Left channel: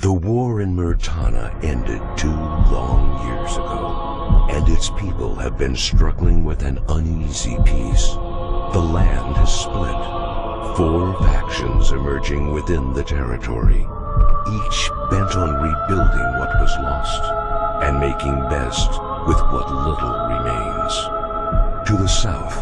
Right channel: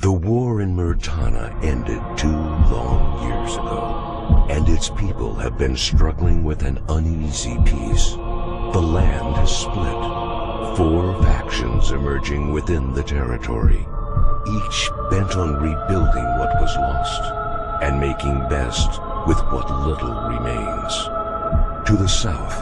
The war in Murtana ended 2 long years ago, and its people have been struggling with an uneasy peace. The land has split, 4 factions emerging within the territory, each bent on rebuilding what was lost and making best with what little remains. To the south,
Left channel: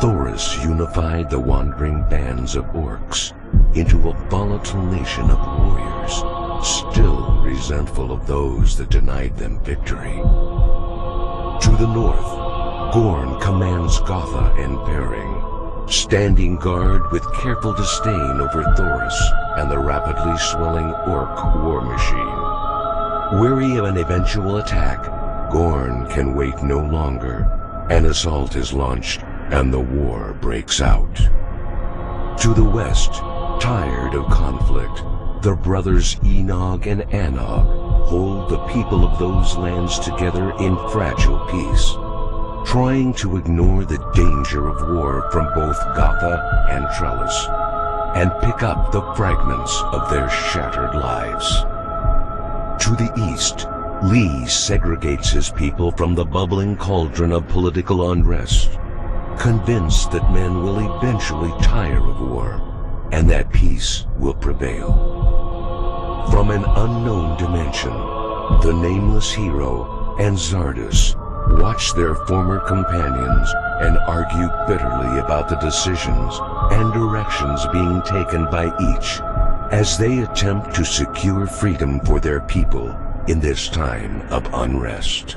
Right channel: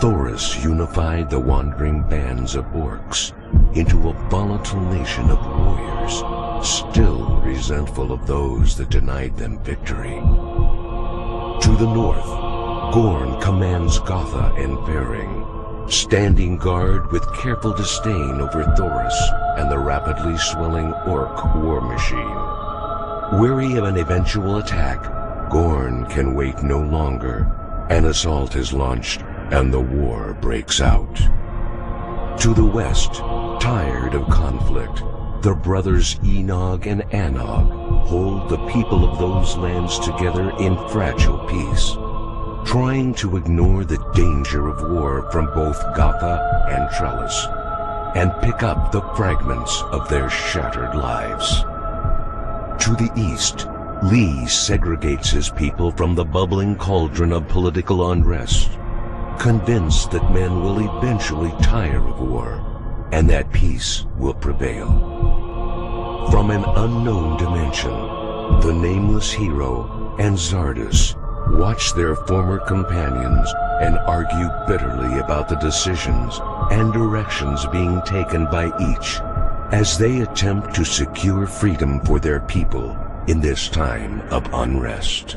Thoris unified the wandering bands of orcs into a volatile nation of warriors, still resentful of those that denied them victory. To the north, Gorn commands Gotha and Faring, standing guard with careful disdain over Thoris and the rapidly swelling orc war machine. Weary of an eventual attack, Gorn can wait no longer. An assault is launched and the war breaks out. To the west, tired of conflict, the brothers Enog and Anog hold the people of those lands together in fragile peace, trying to ignore the danger of war from both Gotha and Trellis, and pick up the fragments of their shattered lives. To the east, Lee segregates his people from the bubbling cauldron of political unrest, convinced that men will eventually tire of war and that peace will prevail. From an unknown dimension, the nameless hero and Zardus watch their former companions and argue bitterly about the decisions and directions being taken by each as they attempt to secure freedom for their people in this time of unrest.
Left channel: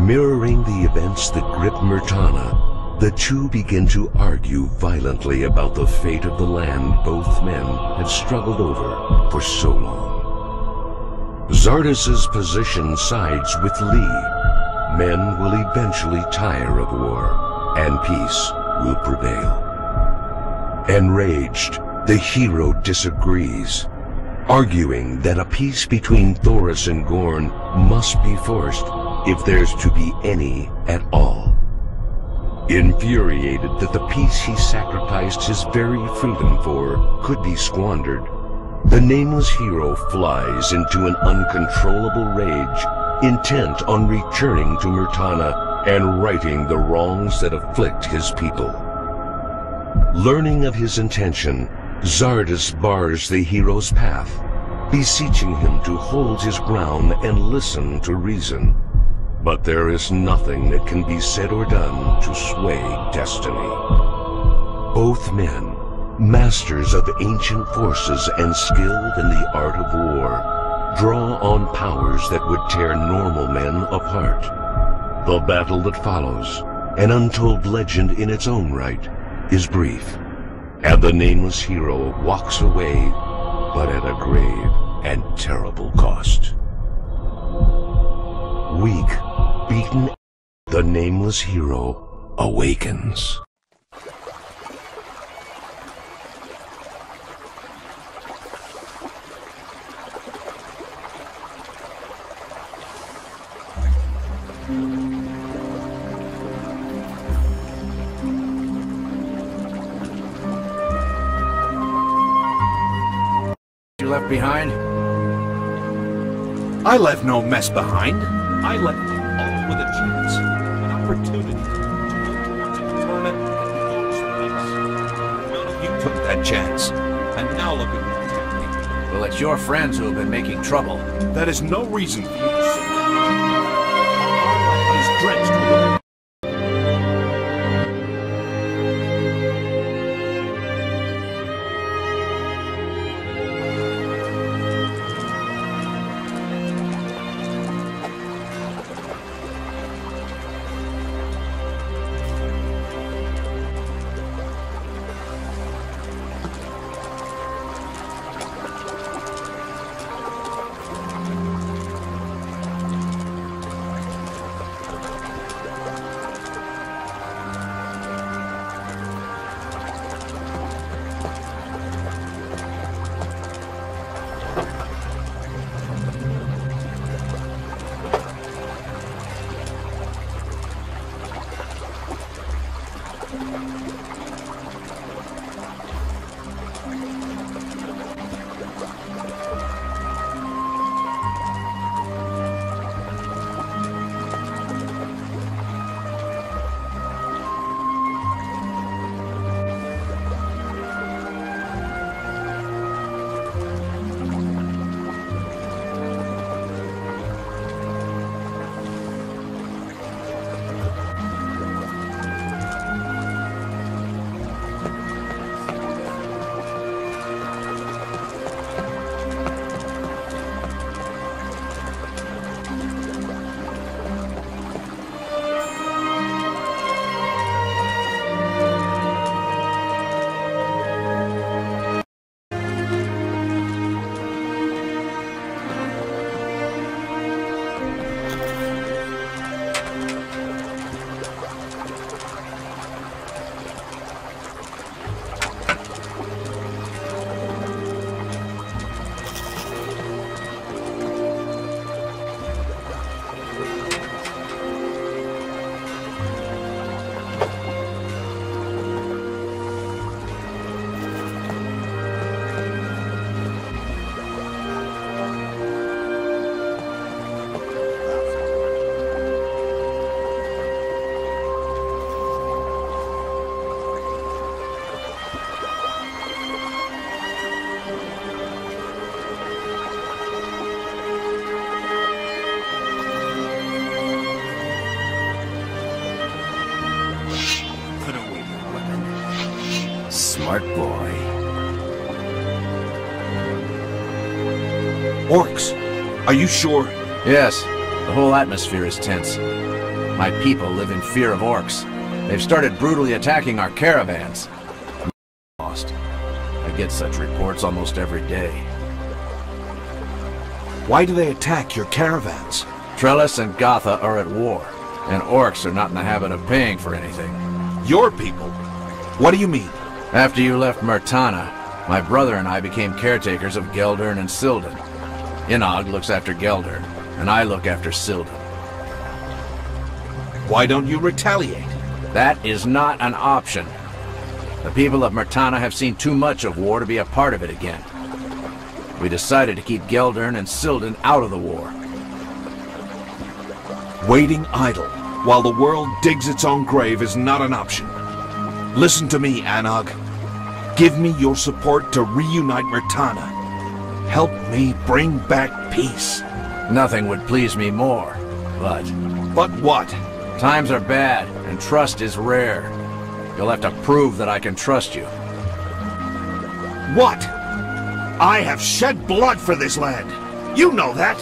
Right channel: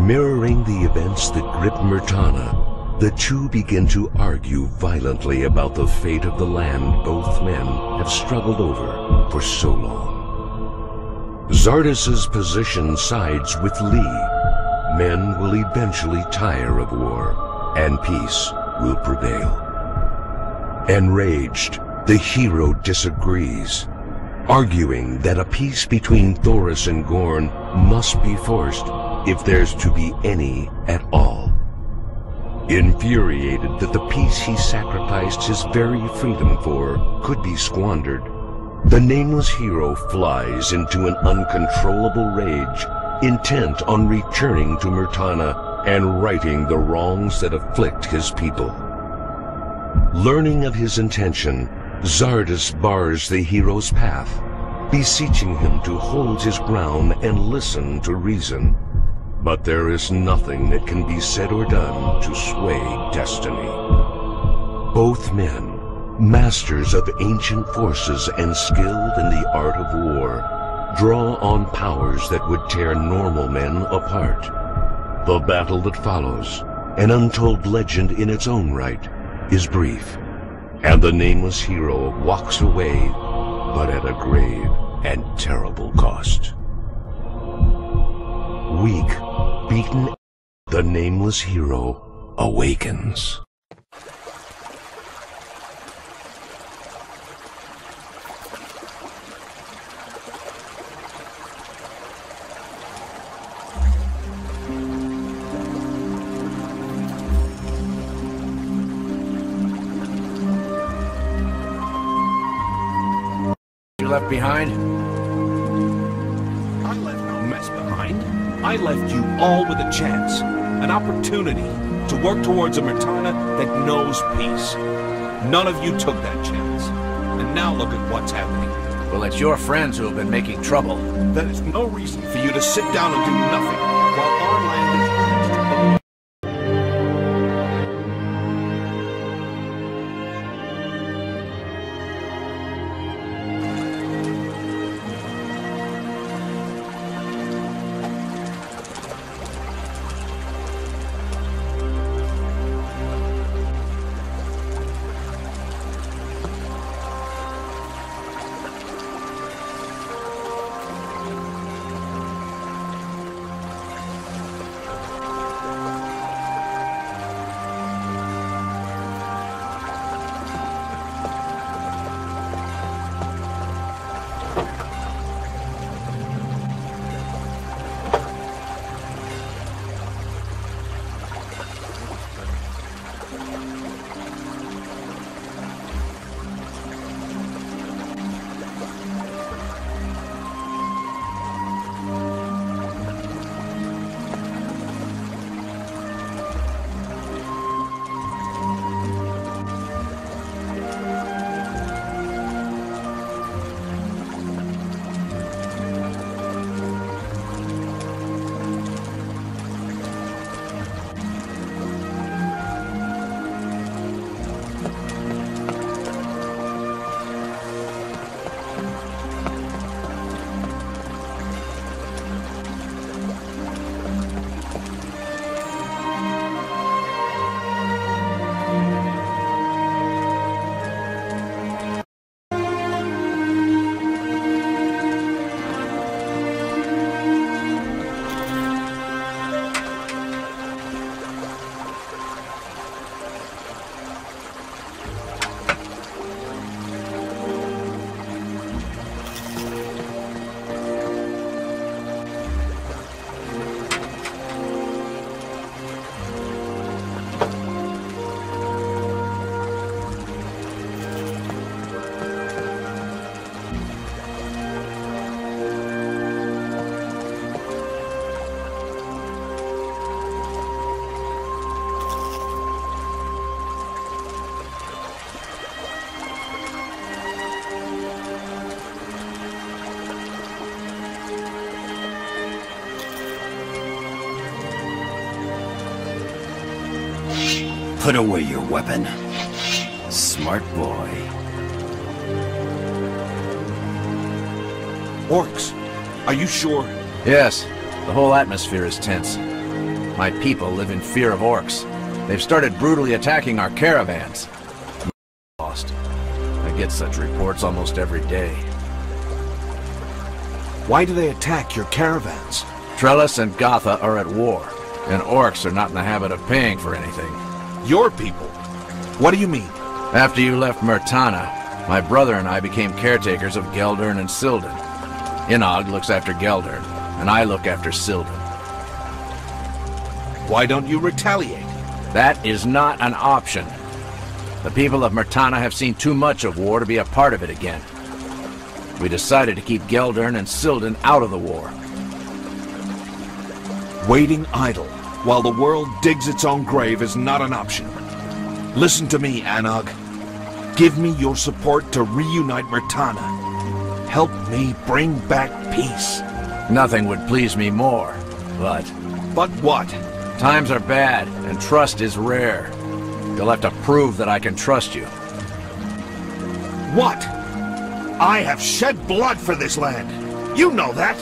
Mirroring the events that grip Myrtana, the two begin to argue violently about the fate of the land both men have struggled over for so long. Xardas's position sides with Lee. Men will eventually tire of war, and peace will prevail. Enraged, the hero disagrees, arguing that a peace between Thoris and Gorn must be forced if there's to be any at all. Infuriated that the peace he sacrificed his very freedom for could be squandered, the nameless hero flies into an uncontrollable rage, intent on returning to Myrtana and righting the wrongs that afflict his people. Learning of his intention, Xardas bars the hero's path, beseeching him to hold his ground and listen to reason. But there is nothing that can be said or done to sway destiny. Both men, masters of ancient forces and skilled in the art of war, draw on powers that would tear normal men apart. The battle that follows, an untold legend in its own right, is brief, and the nameless hero walks away, but at a grave and terrible cost. Weak, beaten, the nameless hero awakens. You left behind? I left no mess behind. I left you all with a chance, an opportunity to work towards a Myrtana that knows peace. None of you took that chance, and now look at what's happening. Well, it's your friends who have been making trouble. That is no reason for you to sit down and do nothing while our land is drenched with Put away your weapon. Smart boy. Orcs. Are you sure? Yes. The whole atmosphere is tense. My people live in fear of orcs. They've started brutally attacking our caravans. Lost. I get such reports almost every day. Why do they attack your caravans? Trellis and Gotha are at war, and orcs are not in the habit of paying for anything. Your people? What do you mean? After you left Murtana, my brother and I became caretakers of Geldern and Silden. Inog looks after Geldern, and I look after Silden. Why don't you retaliate? That is not an option. The people of Murtana have seen too much of war to be a part of it again. We decided to keep Geldern and Silden out of the war. Waiting idle while the world digs its own grave is not an option. Listen to me, Anog. Give me your support to reunite Murtana. Help me bring back peace. Nothing would please me more, but... But what? Times are bad, and trust is rare. You'll have to prove that I can trust you. What? I have shed blood for this land. You know that.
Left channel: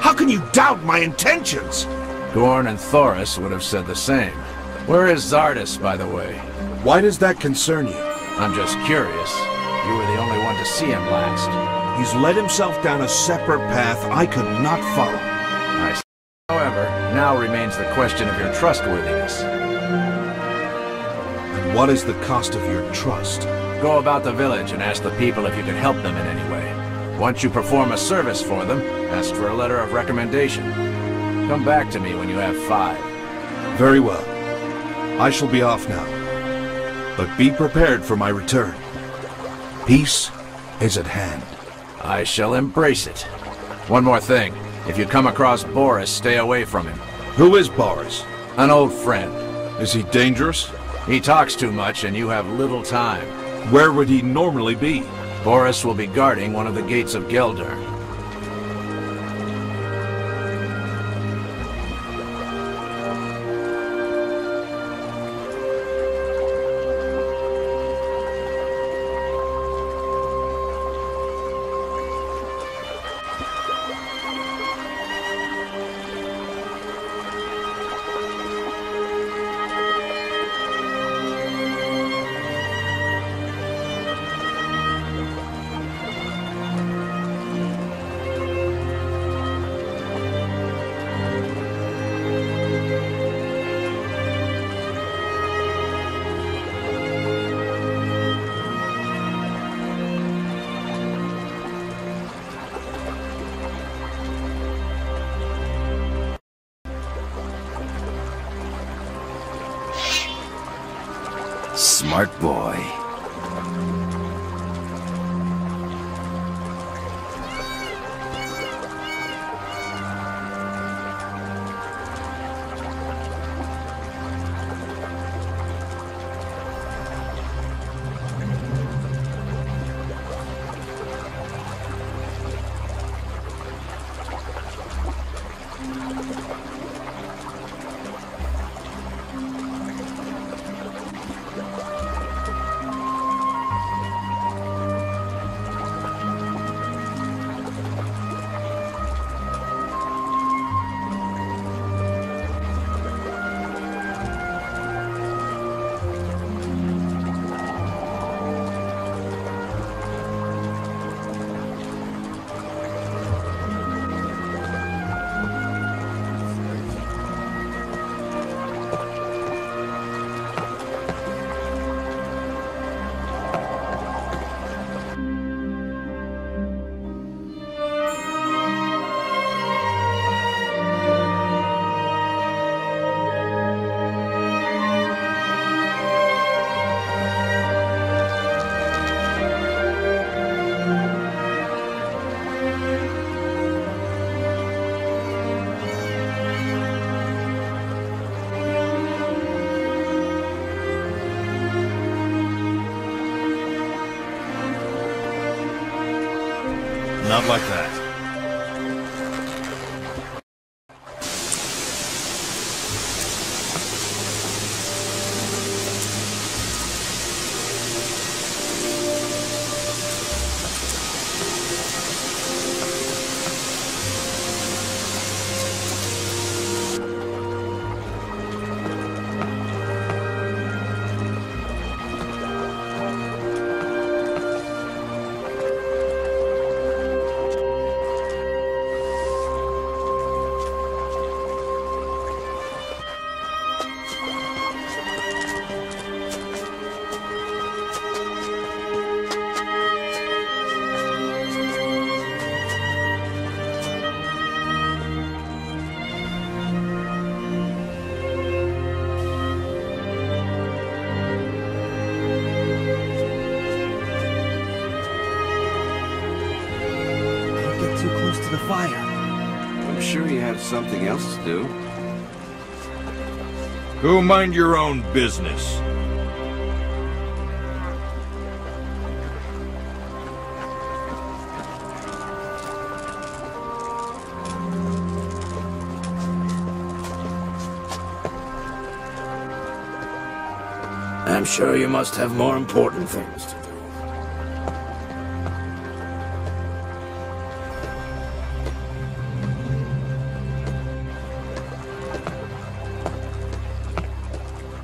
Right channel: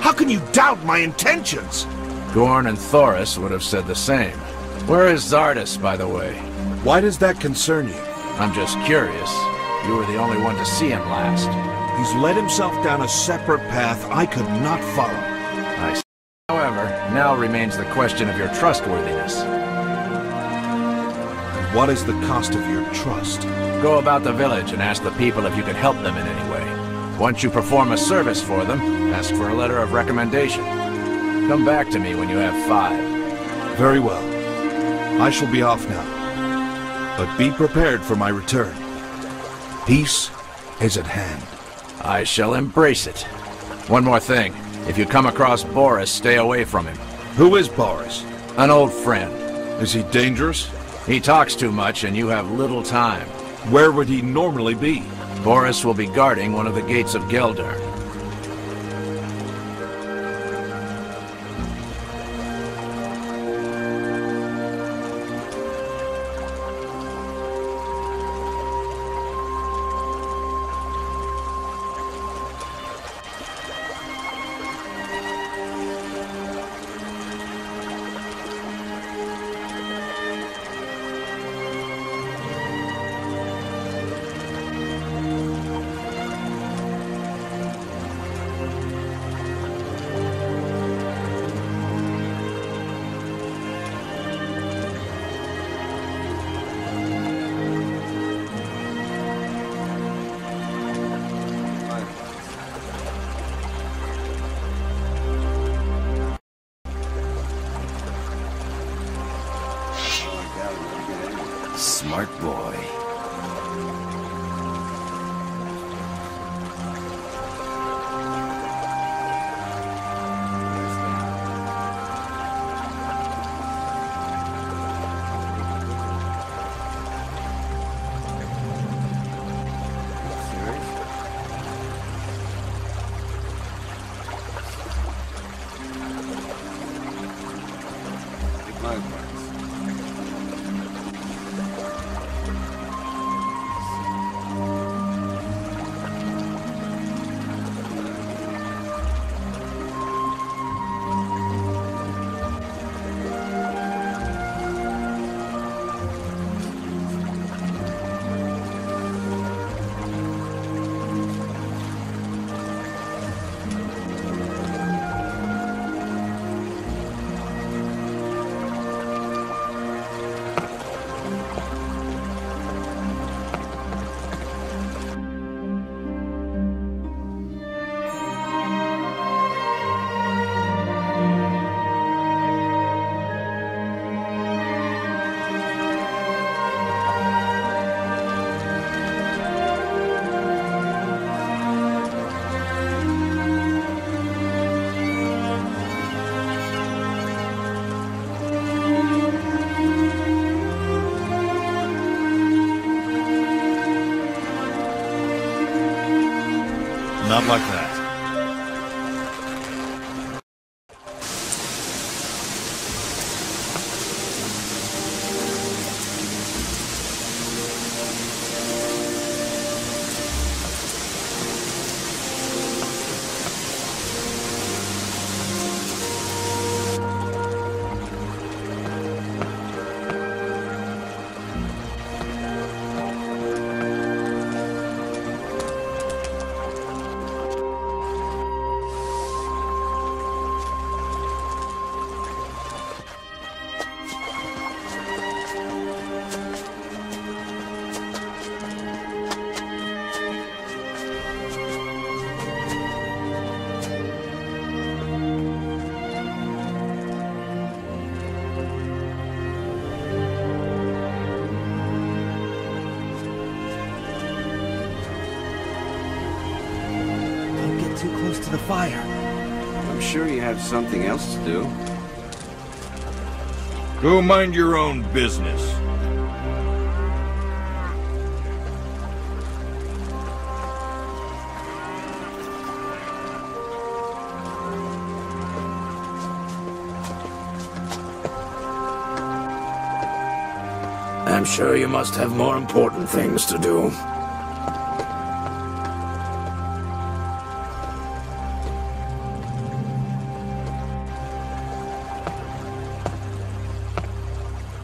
How can you doubt my intentions? Gorn and Thoris would have said the same. Where is Zardus, by the way? Why does that concern you? I'm just curious. You were the only one to see him last. He's led himself down a separate path I could not follow. I see. However, now remains the question of your trustworthiness. And what is the cost of your trust? Go about the village and ask the people if you can help them in any way. Once you perform a service for them, ask for a letter of recommendation. Come back to me when you have 5. Very well. I shall be off now. But be prepared for my return. Peace is at hand. I shall embrace it. One more thing. If you come across Boris, stay away from him. Who is Boris? An old friend. Is he dangerous? He talks too much and you have little time. Where would he normally be? Boris will be guarding one of the gates of Geldern. Smart boy. Not like that. too close to the fire. I'm sure you have something else to do. Go mind your own business. I'm sure you must have more important things to do.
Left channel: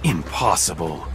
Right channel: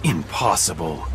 Impossible.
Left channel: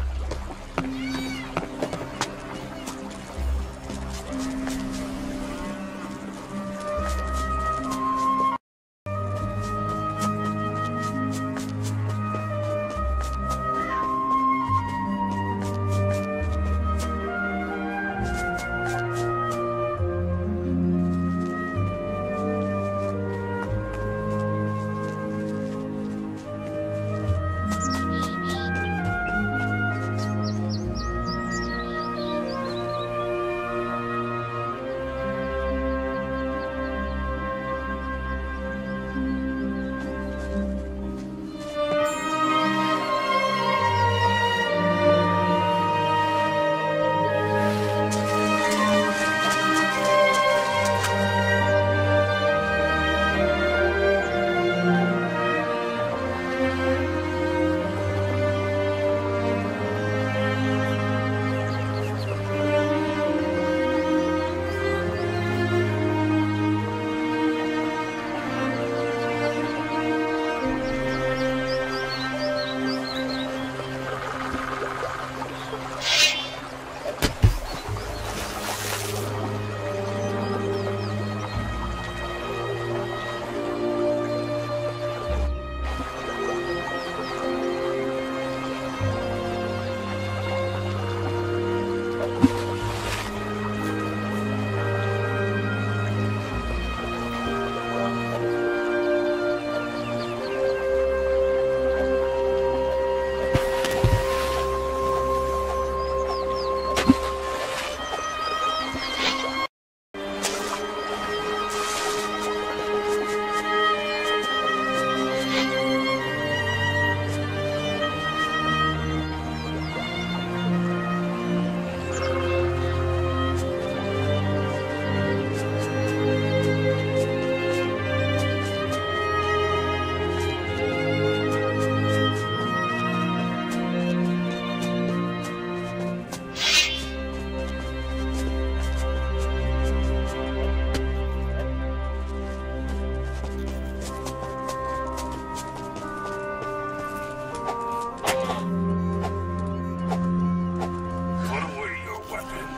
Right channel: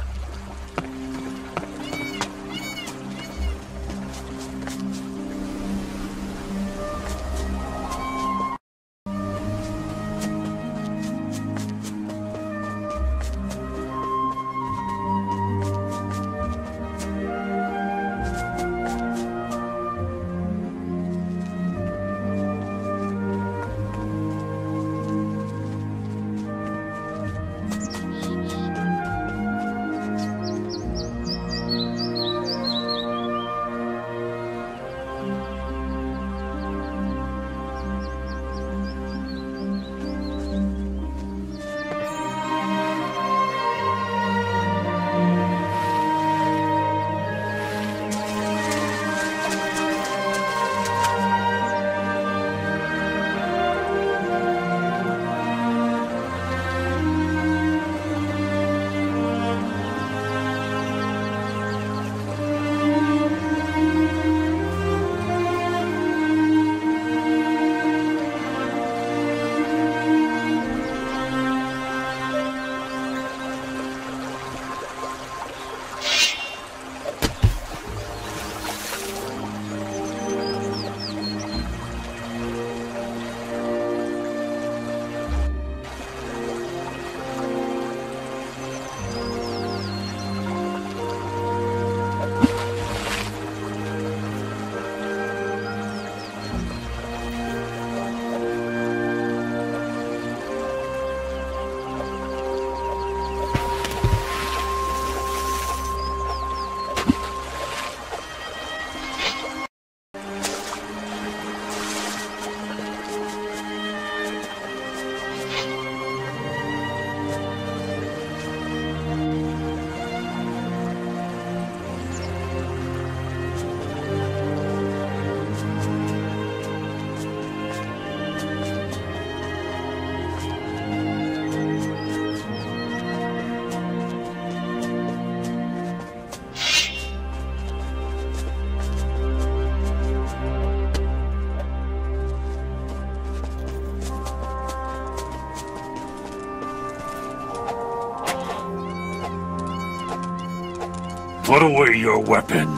Put away your weapon.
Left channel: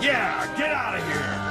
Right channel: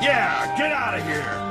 Yeah, get out of here!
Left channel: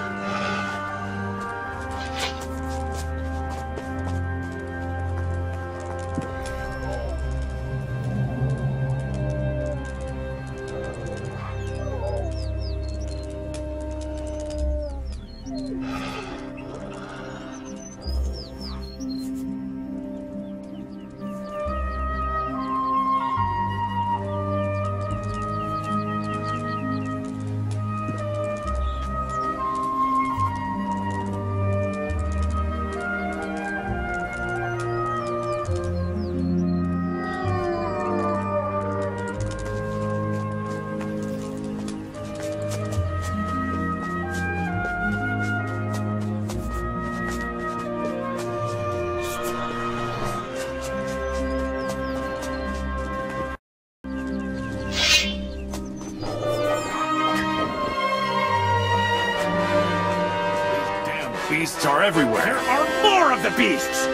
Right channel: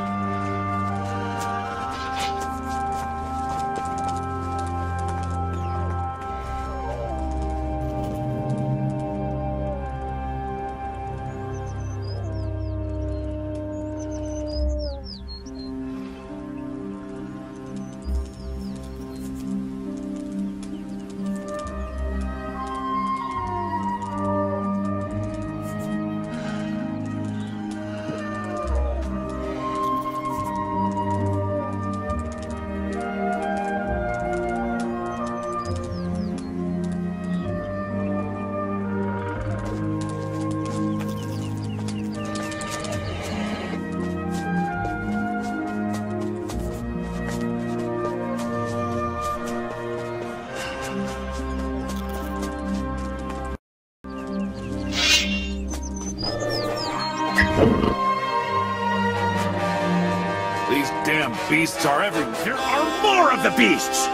These damn beasts are everywhere. There are more of the beasts!